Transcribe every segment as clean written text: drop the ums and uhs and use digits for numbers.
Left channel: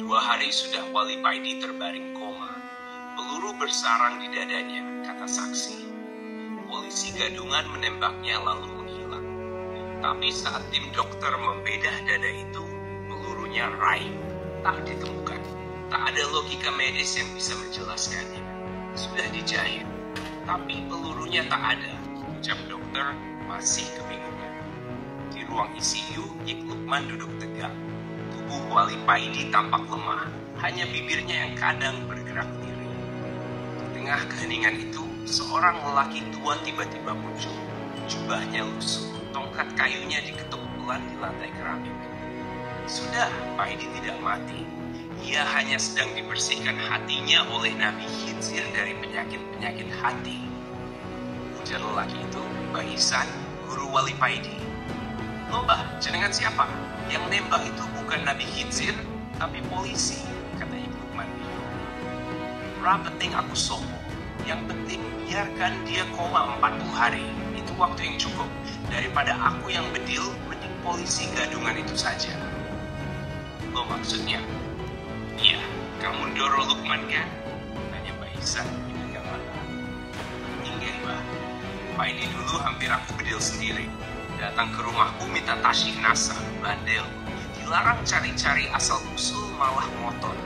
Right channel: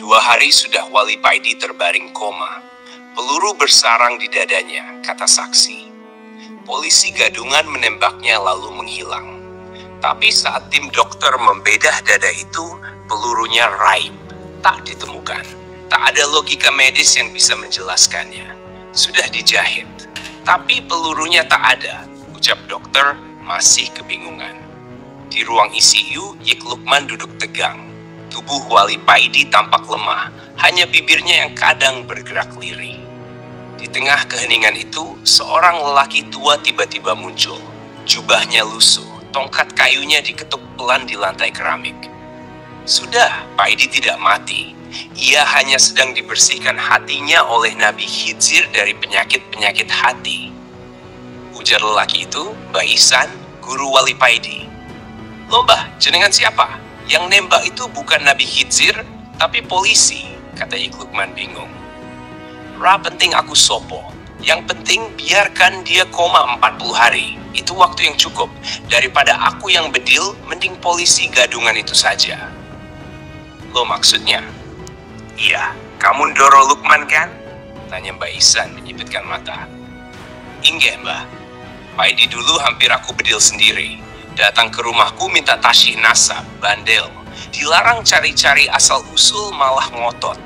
2 hari sudah Wali Paidi terbaring koma. Peluru bersarang di dadanya, kata saksi. Polisi gadungan menembaknya lalu menghilang. Tapi saat tim dokter membedah dada itu, pelurunya raib, tak ditemukan. Tak ada logika medis yang bisa menjelaskannya. Sudah dijahit, tapi pelurunya tak ada, ucap dokter masih kebingungan. Di ruang ICU, Yik Lukman duduk tegang. Tubuh Wali Paidi tampak lemah, hanya bibirnya yang kadang bergerak lirih. Di tengah keheningan itu, seorang lelaki tua tiba-tiba muncul. Jubahnya lusuh, tongkat kayunya diketuk pelan di lantai keramik. Sudah, Paidi tidak mati. Ia hanya sedang dibersihkan hatinya oleh Nabi Khidzir dari penyakit-penyakit hati. Ujar lelaki itu, Mbah Ihsan, guru Wali Paidi. Loh Mbah, jenengan siapa? Yang nembak itu bukan Nabi Khidzir, tapi polisi, kata Yik Lukman bingung. Ra penting aku sopo. Yang penting biarkan dia koma 40 hari. Itu waktu yang cukup. Daripada aku yang bedil, mending polisi gadungan itu saja. Lo maksudnya? Iya, kamu Ndoro Lukman kan? Tanya Mbak Ihsan menyipitkan mata. Inggih Mbah. Paidi dulu hampir aku bedil sendiri. Datang ke rumahku minta tasyih nasab, bandel. Dilarang cari-cari asal-usul malah ngotot.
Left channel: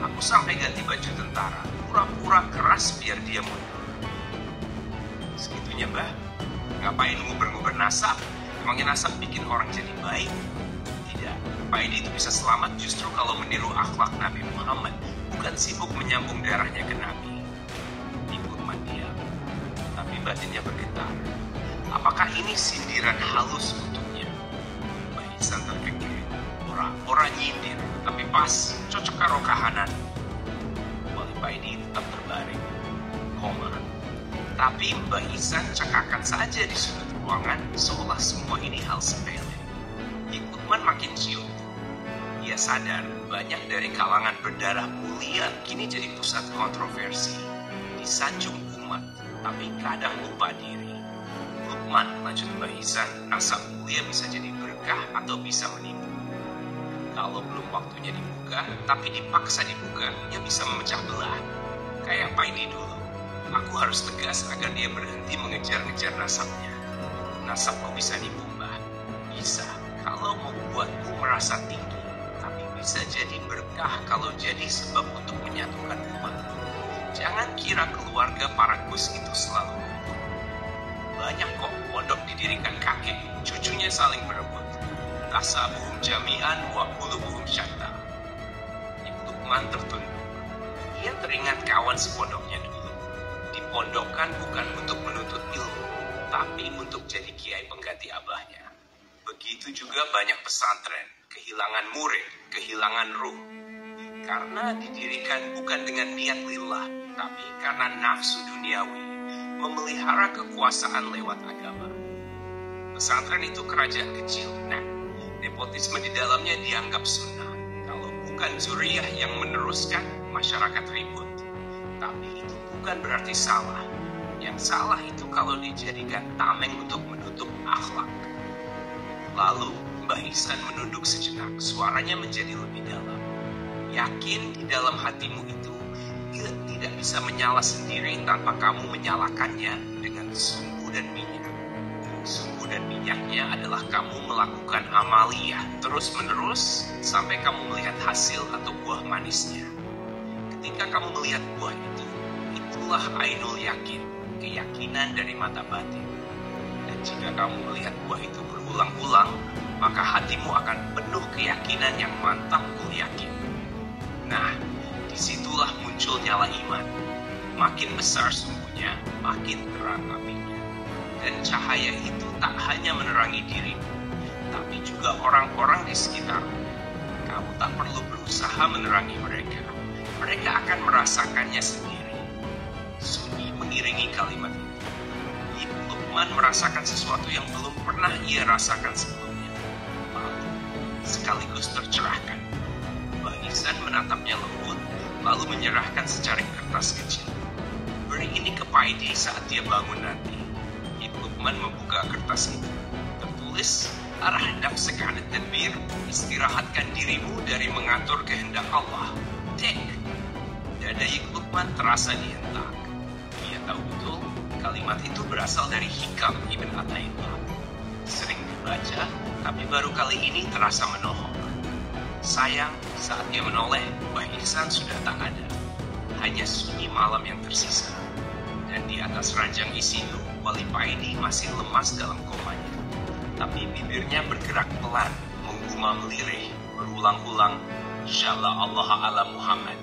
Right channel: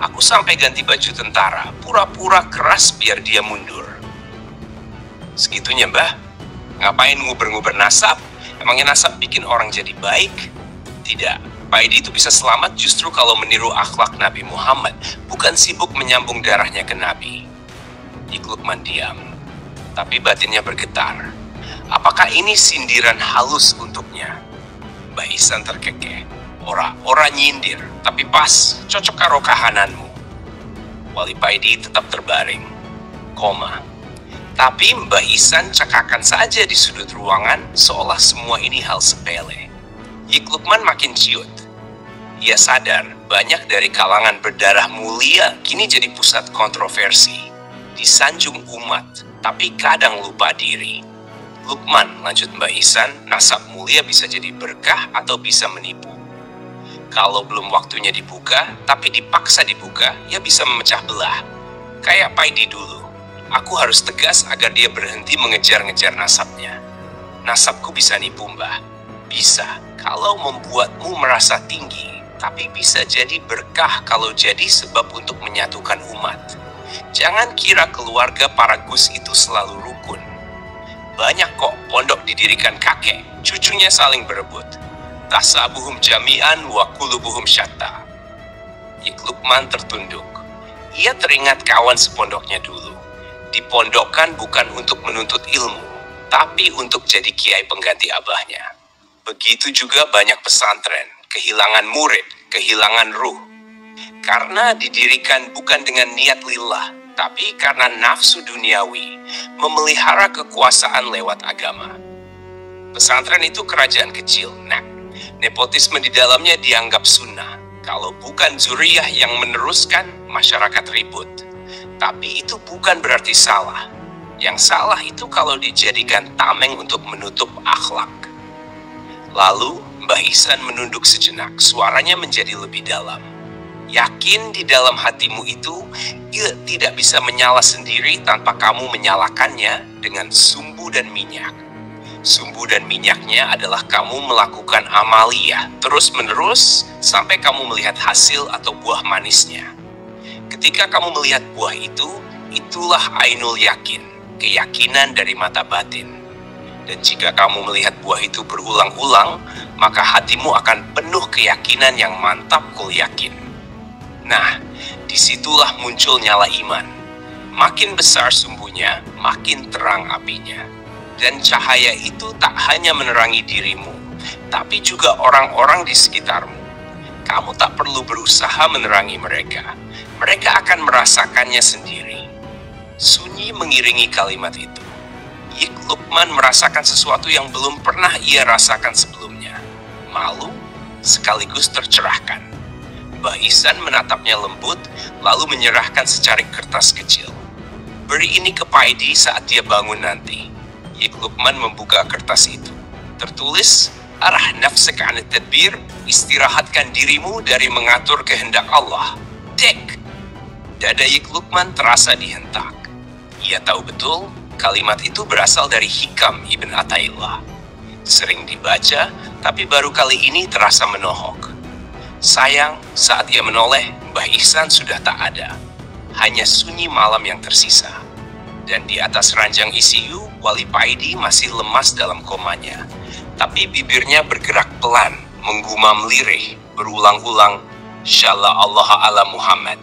Aku sampai ganti baju tentara, pura-pura keras biar dia mundur. Segitunya Mbah? Ngapain nguber-nguber nasab? Emangnya nasab bikin orang jadi baik? Tidak, Paidi itu bisa selamat justru kalau meniru akhlak Nabi Muhammad, bukan sibuk menyambung darahnya ke Nabi. Yik Lukman diam, tapi batinnya bergetar. Apakah ini sindiran halus untuknya? Mbah Ihsan terkekeh. Ora nyindir, tapi pas, cocok karo kahananmu. Wali Paidi tetap terbaring, koma. Tapi Mbah Ihsan cekakan saja di sudut ruangan, seolah semua ini hal sepele. Yik Lukman makin ciut. Ia sadar, banyak dari kalangan berdarah mulia kini jadi pusat kontroversi. Disanjung umat, tapi kadang lupa diri. Lukman, lanjut Mbah Ihsan, nasab mulia bisa jadi berkah atau bisa menipu. Kalau belum waktunya dibuka, tapi dipaksa dibuka, ya bisa memecah belah. Kayak Paidi dulu. Aku harus tegas agar dia berhenti mengejar-ngejar nasabnya. Nasabku bisa nipu Mbah. Bisa, kalau membuatmu merasa tinggi. Tapi bisa jadi berkah kalau jadi sebab untuk menyatukan umat. Jangan kira keluarga para Gus itu selalu rukun. Banyak kok pondok didirikan kakek, cucunya saling berebut. Tasabuhum jami'an wa kulubuhum syatta. Yik Lukman tertunduk. Ia teringat kawan sepondoknya dulu. Dipondokkan bukan untuk menuntut ilmu, tapi untuk jadi kiai pengganti abahnya. Begitu juga banyak pesantren, kehilangan murid, kehilangan ruh. Karena didirikan bukan dengan niat lillah, tapi karena nafsu duniawi, memelihara kekuasaan lewat agama. Pesantren itu kerajaan kecil, nepotisme di dalamnya dianggap sunnah. Kalau bukan zuriyah yang meneruskan, masyarakat ribut. Tapi itu bukan berarti salah. Yang salah itu kalau dijadikan tameng untuk menutup akhlak. Lalu Mbah Ihsan menunduk sejenak, suaranya menjadi lebih dalam. Yakin di dalam hatimu itu, ia tidak bisa menyala sendiri tanpa kamu menyalakannya dengan sumbu dan minyak. Sumbu dan minyaknya adalah kamu melakukan amaliyah terus-menerus sampai kamu melihat hasil atau buah manisnya. Ketika kamu melihat buah itu, itulah ainul yakin, keyakinan dari mata batin. Dan jika kamu melihat buah itu berulang-ulang, maka hatimu akan penuh keyakinan yang mantap kul yakin. Nah, disitulah muncul nyala iman. Makin besar sumbunya, makin terang apinya. Dan cahaya itu tak hanya menerangi dirimu, tapi juga orang-orang di sekitarmu. Kamu tak perlu berusaha menerangi mereka. Mereka akan merasakannya sendiri. Sunyi mengiringi kalimat itu. Yik Lukman merasakan sesuatu yang belum pernah ia rasakan sebelumnya. Malu, sekaligus tercerahkan. Mbah Ihsan menatapnya lembut, lalu menyerahkan secarik kertas kecil. Beri ini ke Paidi saat dia bangun nanti. Yik Lukman membuka kertas itu. Tertulis, arah nafsaka 'anit tadbir, istirahatkan dirimu dari mengatur kehendak Allah. Dek! Dada Yik Lukman terasa dihentak. Ia tahu betul kalimat itu berasal dari Hikam Ibn Athaillah. Sering dibaca, tapi baru kali ini terasa menohok. Sayang, saat ia menoleh, Mbah Ihsan sudah tak ada. Hanya sunyi malam yang tersisa. Dan di atas ranjang ICU, Wali Paidi masih lemas dalam komanya. Tapi bibirnya bergerak pelan, menggumam lirih, berulang-ulang, Syalla Allah ala Muhammad.